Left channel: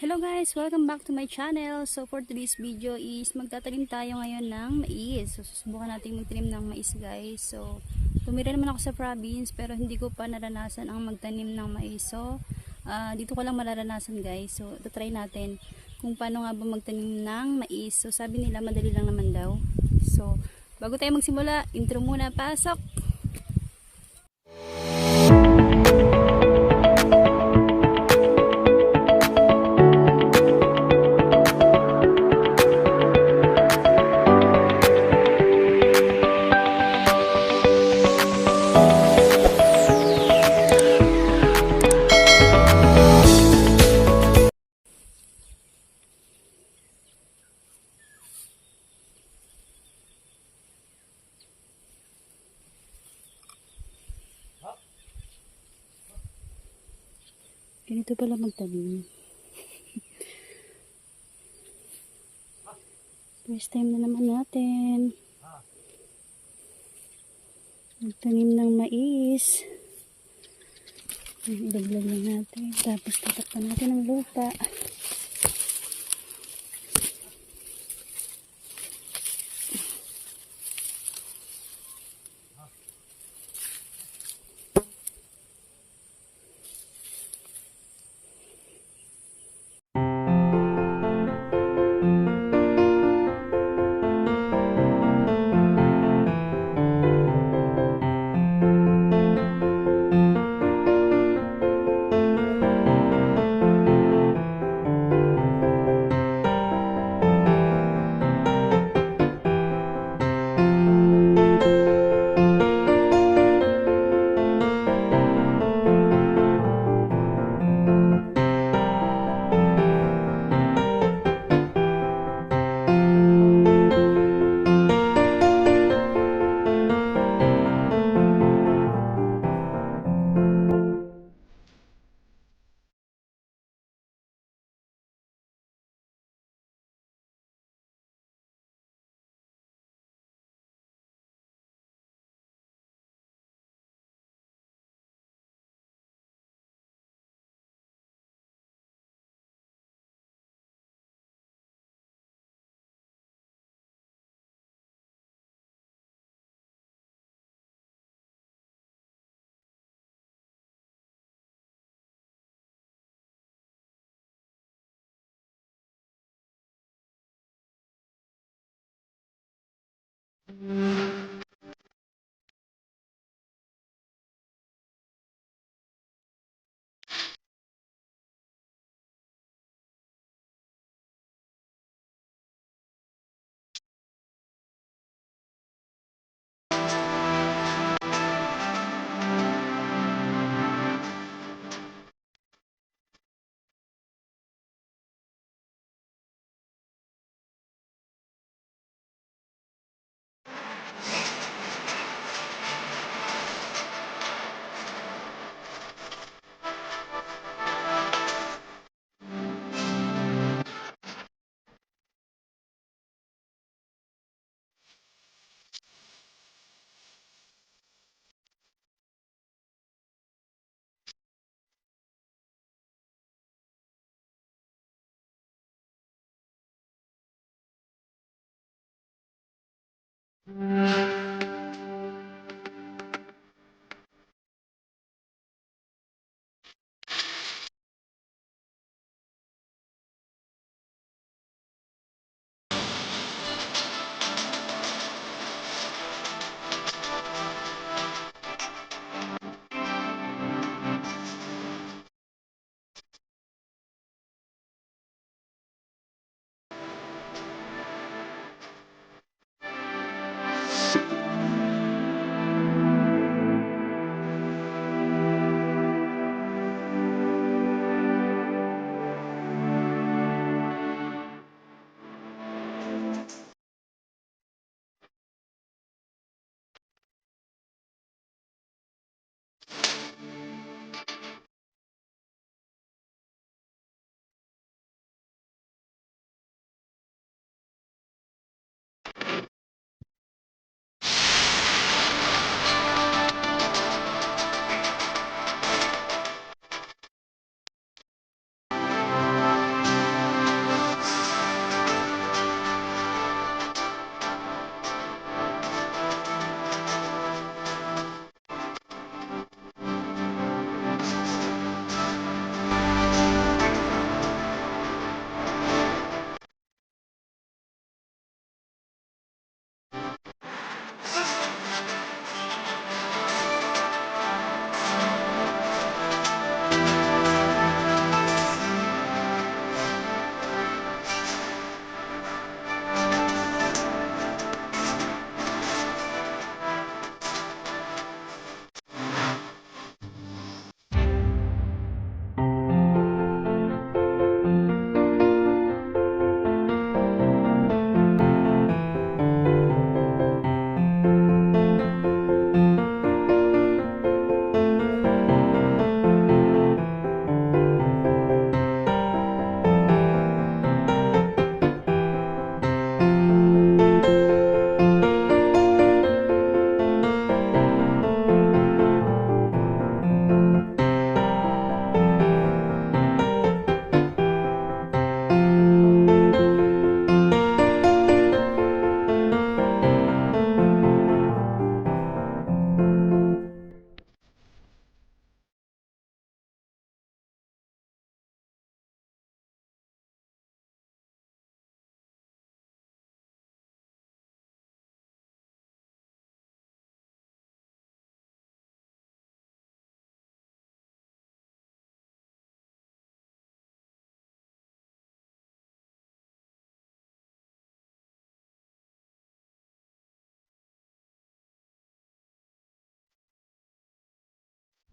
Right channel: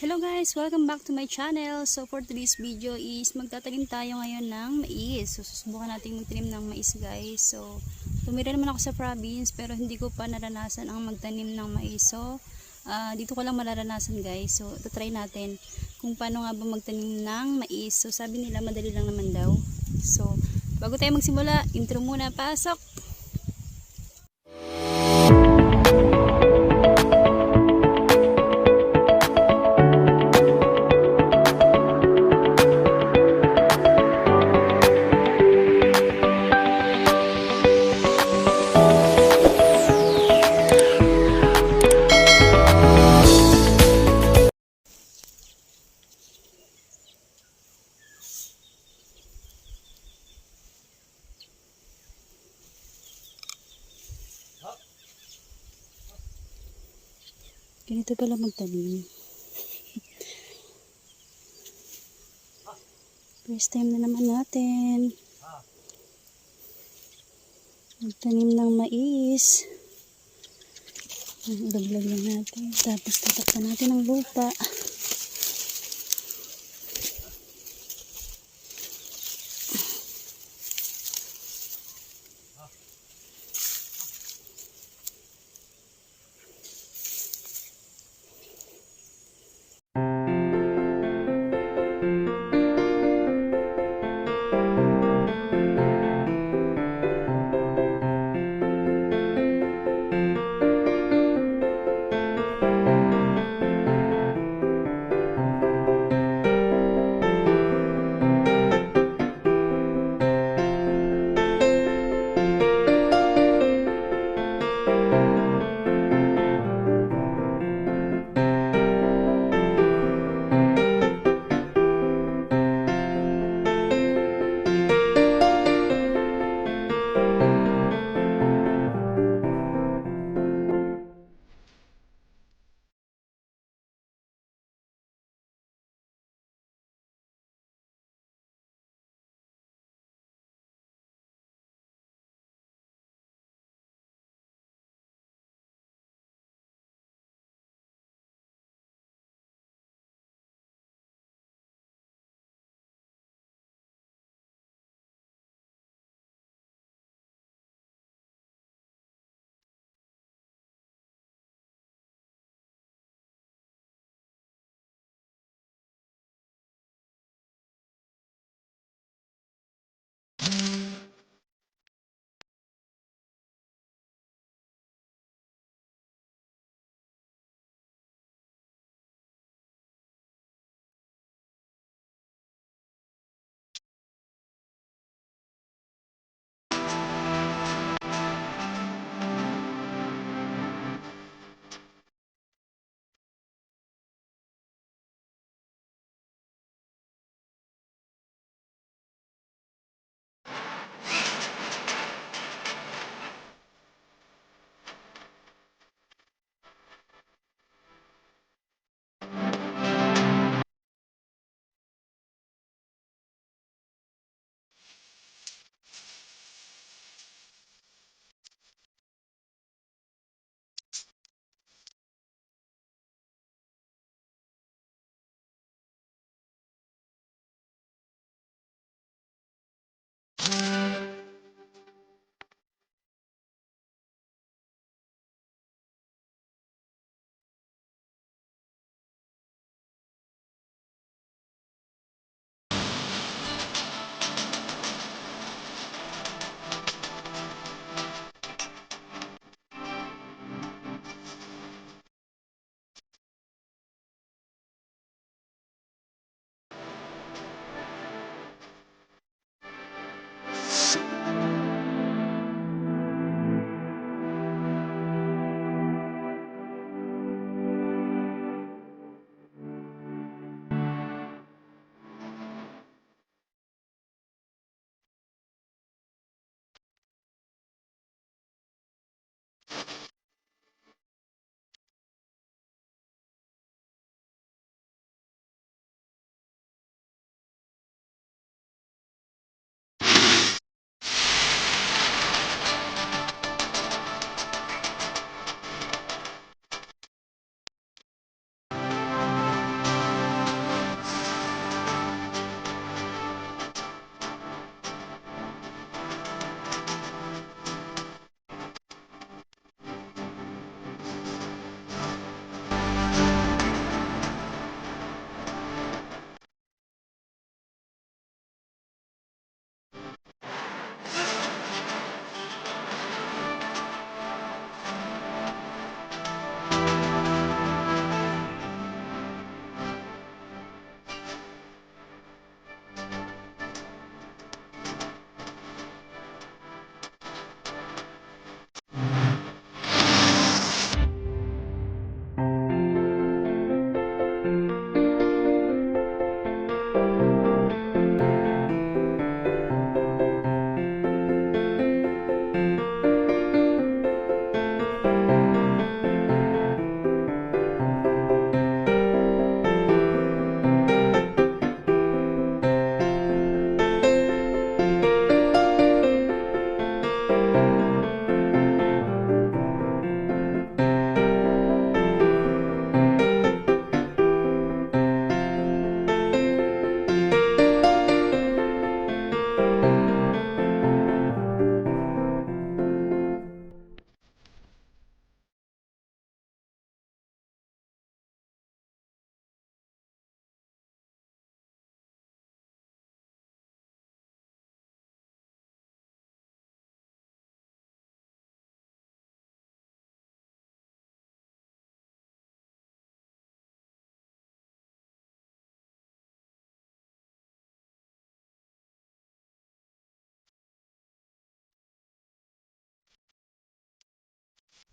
Hello guys! Welcome back to my channel. So for today's video is magtatanim tayo ngayon ng mais. So susubukan natin magtanim ng mais guys. So tumira naman ako sa province pero hindi ko pa naranasan ang magtanim ng mais. So dito ko lang mararanasan guys. So try natin kung paano nga ba magtanim ng mais. So sabi nila madali lang naman daw. So bago tayo magsimula, intro muna, pasok! Ganito pala magtanim. First time na naman natin magtanim ng mais. Ilaglag lang natin. Tapos tatakpan natin ng lupa.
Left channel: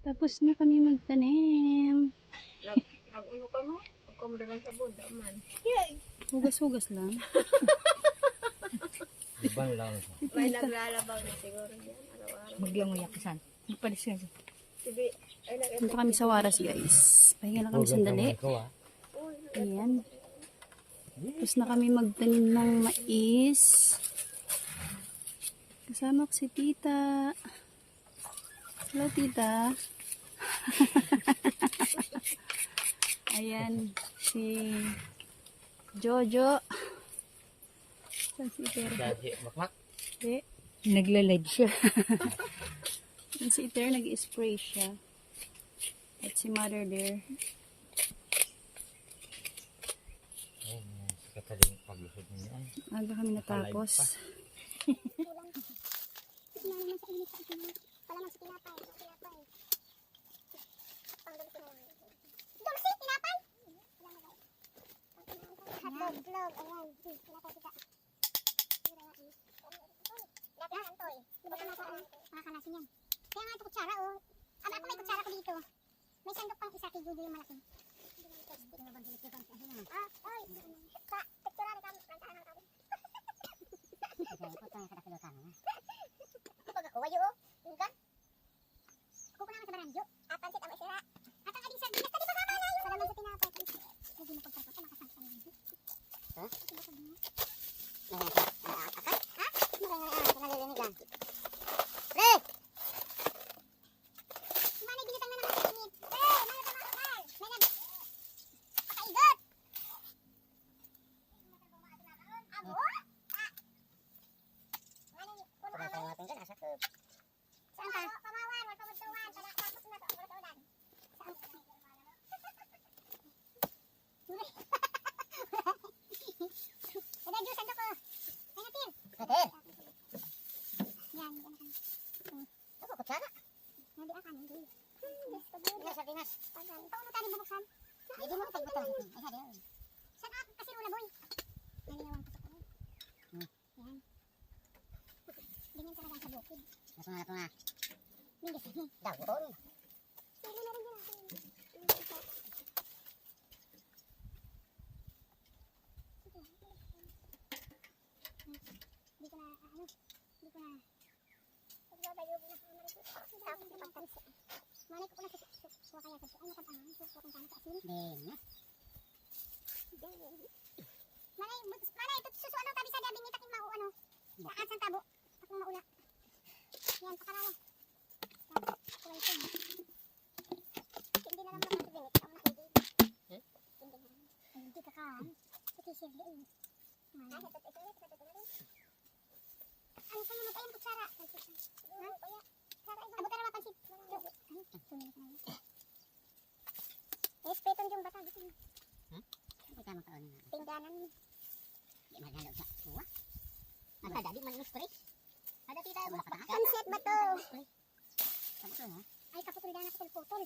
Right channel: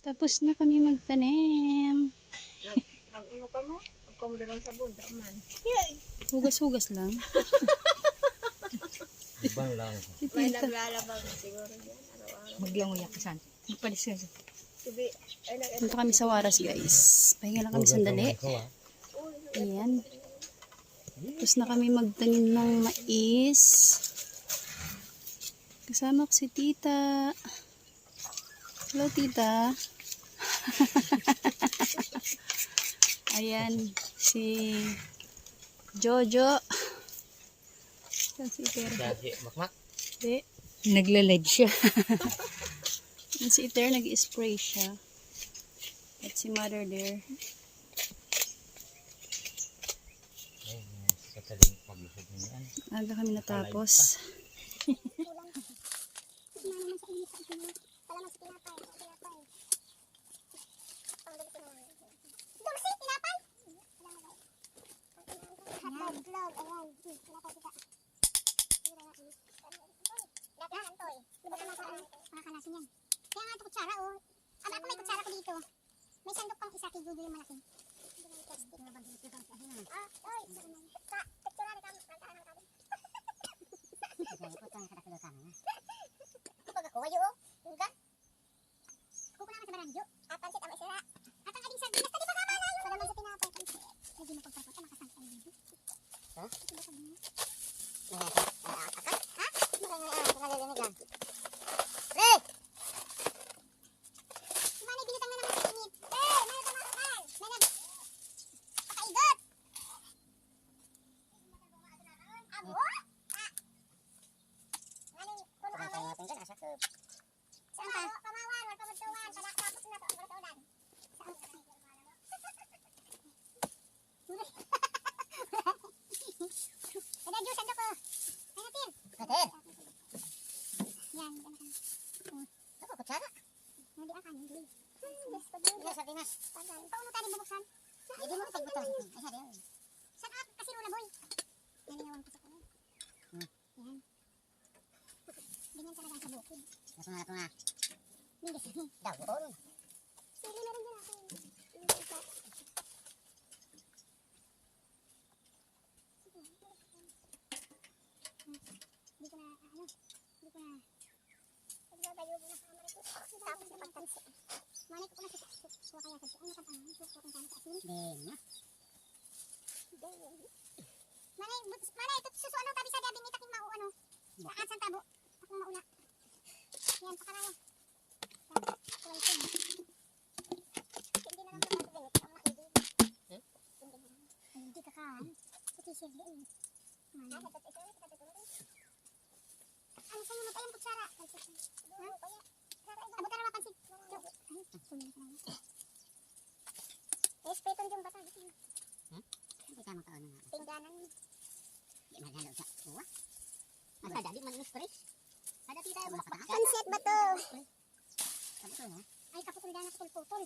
Tapos na kami magtanim. Nag-uno ka mo? Ang kumdalang sabon, daman. Hugas-hugas lang. Iban lang. May naglalabaw na siguro yan. Araw-araw. Maglangoy ako saan. Magpalis ka dyan. Sige. Ay, Punta kami sa Waras, guys. Pahinga lang kami sandali. Ayan. Tapos na kami magtanim ng mais. Kasama ko si tita. Hello, tita. Ayan, si Jojo. Saan si Iter? Dati, makmak. Hindi. Nagla-live siya. Yan si Iter, nag-spray siya. At si mother there. Ayun, kataling paglusod niya. Aga kami natapos. Kaya nga ito kutsara, oh. Ako may kutsara ko dito. May sandok pang isa kay Judo yung malaki. Testing na ba dito yung pang oy. Sa picture na kami, nagtaan ng kami. Kaya ko tang kada kilo kana na. Pag ako wayo, yung gan. Kuko naman sa baranjo. Pansit ang isira. At ang ading sardinas, tadi pa kama na yun. Sa naman sa tinapay. Hindi mo pagpapata, makasangka ng video. Ha? Ha? Nalilinig lang. Pre! Manay binitang na naman sa init. May kumakakan. May pakaidot. Abo? Manay, puno kami. Saan ka? Pamawan, magpamagtuwan. Tapos na to, ang baratudan. Saan ka? Kada juice, ando ko. Ay, natin. Yan, yan ka. Ako, kutsara. Hindi akan, hindi. Yes, pag-ibig. Sa Pinas. Pauno tayo bubuksan. Hindi mo pagbutang sa Pinas. Ay, sabi yun. Saan at? Kasi rula, boy. Nanilawan ko sa kulit. Yan. Ganyan talaga sa bukid. Nasa nga ito nga. Hindi kasi. Daw, buon. Sili na rin dyan natin. Hindi ko na, hindi ko na. Pagbabayo mo na sa Amerika. Tapos na pagpansi. Manay ko na sa suwa kaya kasi. Ano ka naman? Suwa kung kano sa asin. Dena. Manay, ito suso ano tabi sa dabing itaking mau ano. Saan sang tabo. Takong maula. Yan, pakaraya. Yan, hindi na lang ito ganit. Ang nakidig. Hindi ka kaan. Ito siya doon. Ano sa'yo mo tayong kutsara? Ha? Abot ka na mapansin. Espeton yung bata. Hindi ka makaano na. Pingganan. Hindi maghalo sa uwa. Magkada, di mag-stress. Ada tita mo. Sunset ba to? Kaputol ha? Ay, kaputol na putol-putol.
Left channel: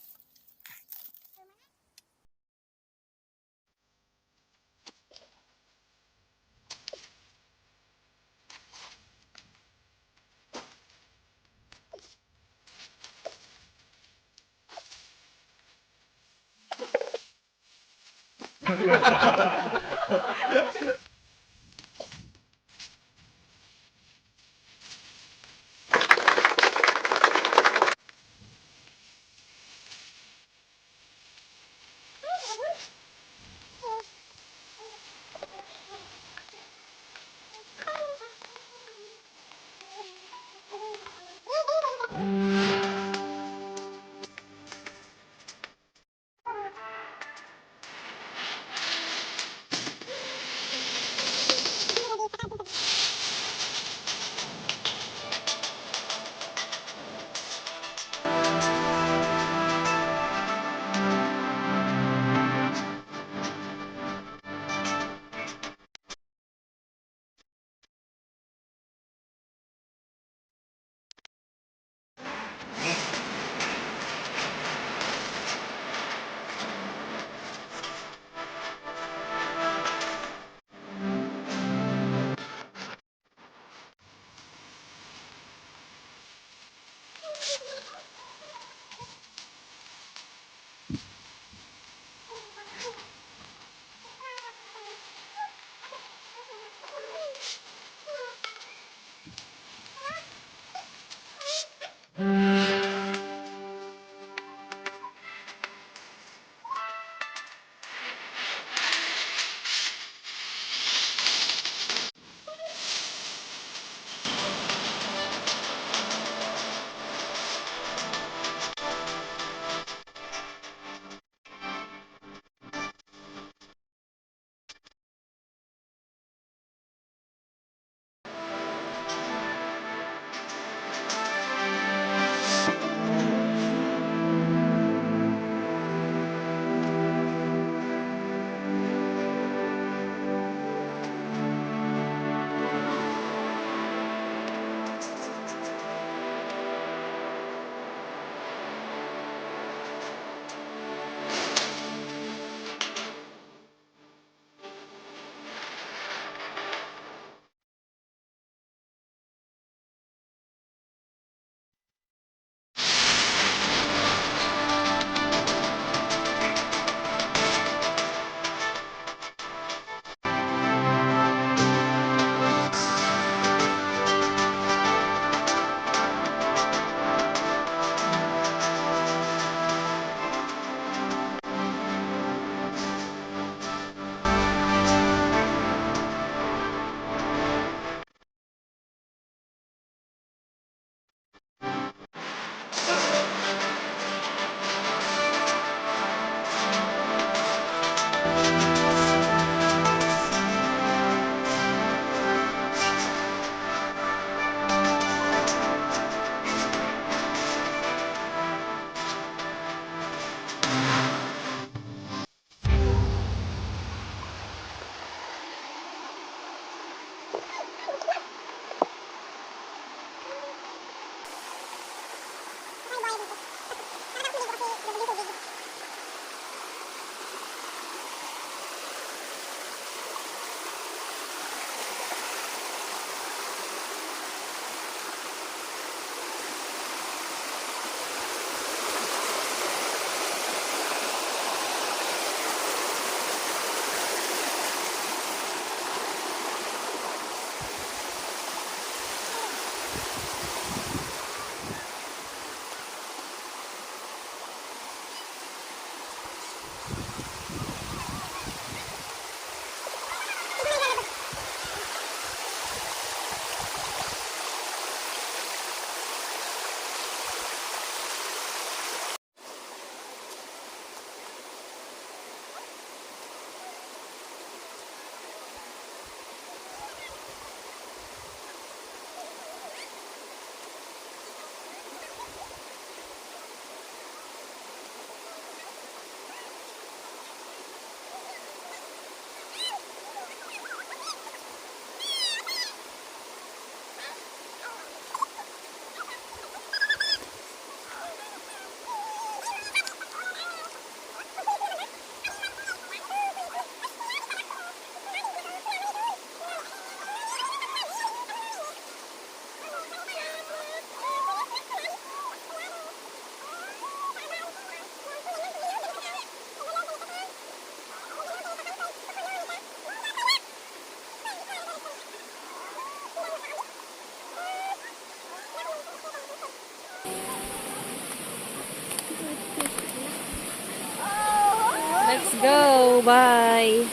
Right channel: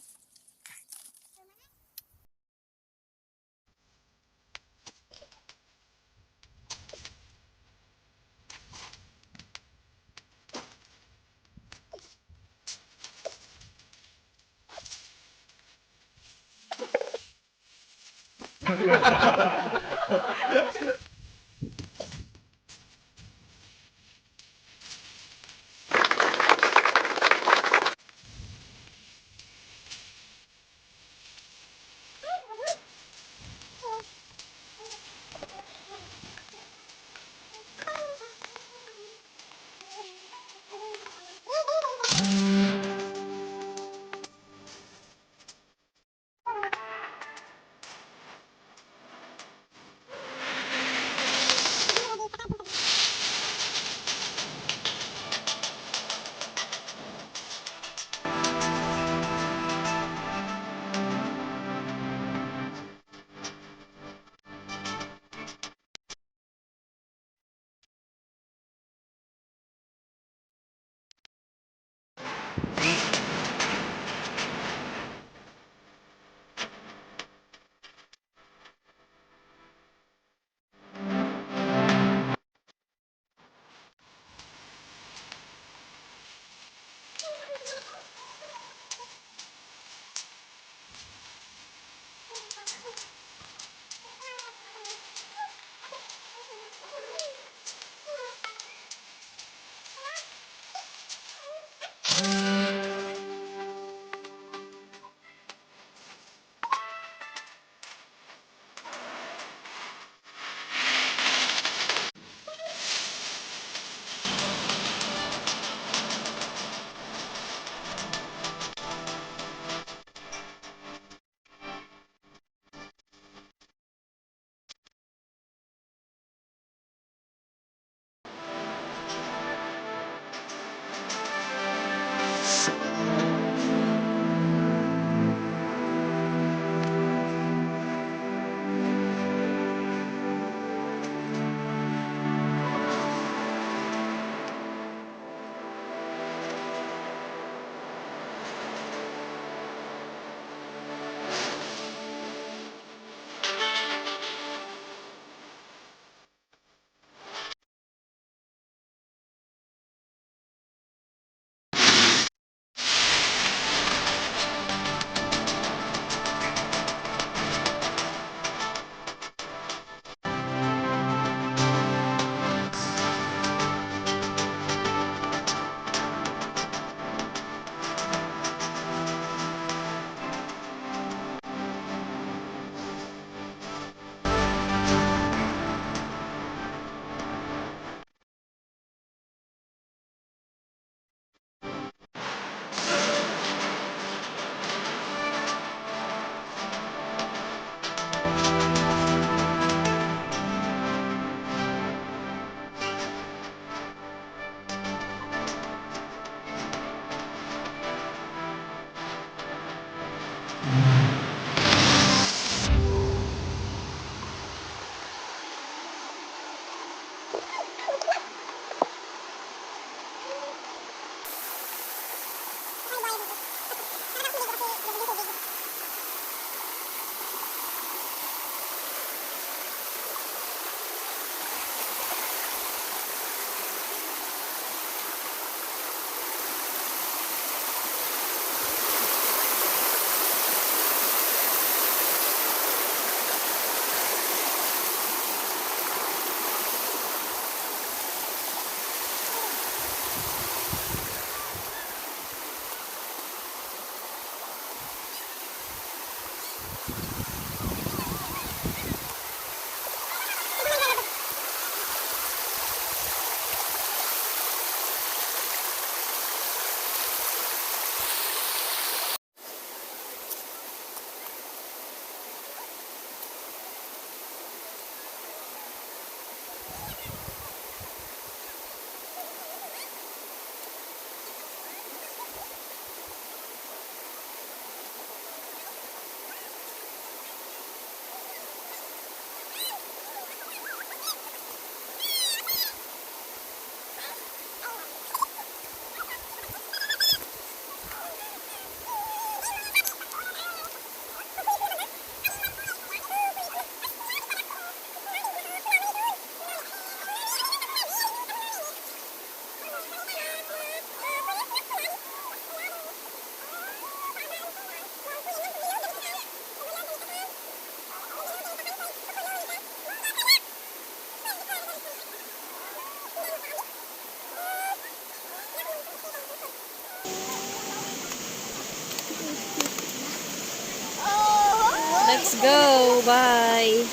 Go! Bye!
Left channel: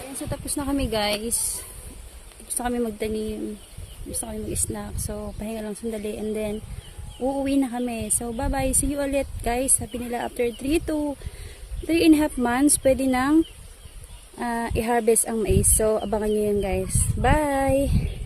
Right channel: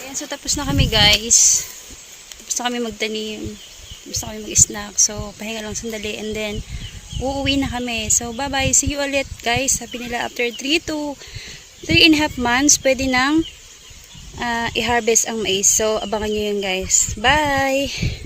Ayan, so tapos na kami guys. Tapos na kami magtanim. Tapos na kami mag-snack. So, pahinga lang sandali and then uuwi na kami. So, bye-bye. See you ulit guys. Sabi nila after 3 to 3.5 months, pwede nang i-harvest ang mais. So, abangan nyo yun guys. Bye!